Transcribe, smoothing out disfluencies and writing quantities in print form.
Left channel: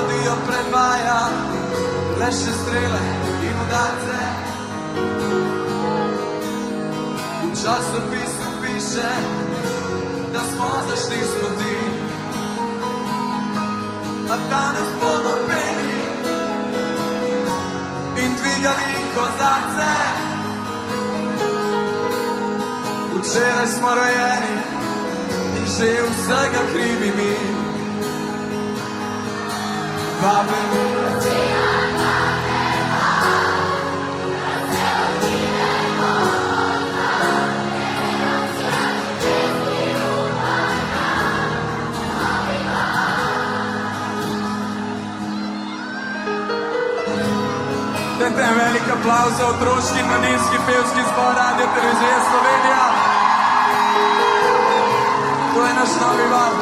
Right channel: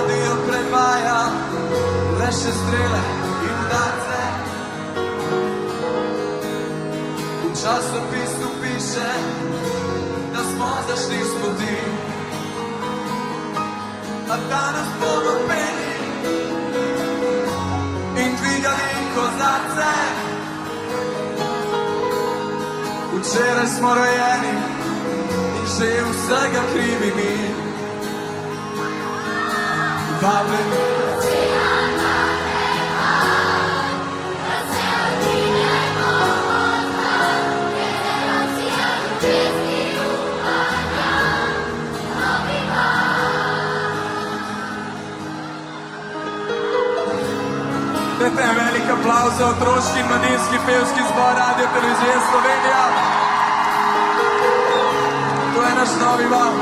Radio predvaja le še strele in udarce. V časopisu piše, da smo zašli s poti, a danes bomo peli in dvigali kozarce. Včeraj smo rojeni in že vsega krivi mi. Vabim Dajte en velik aplavz za otroški in mladinski pevski zbor Radio Televizije Slovenija. To je naš novi val.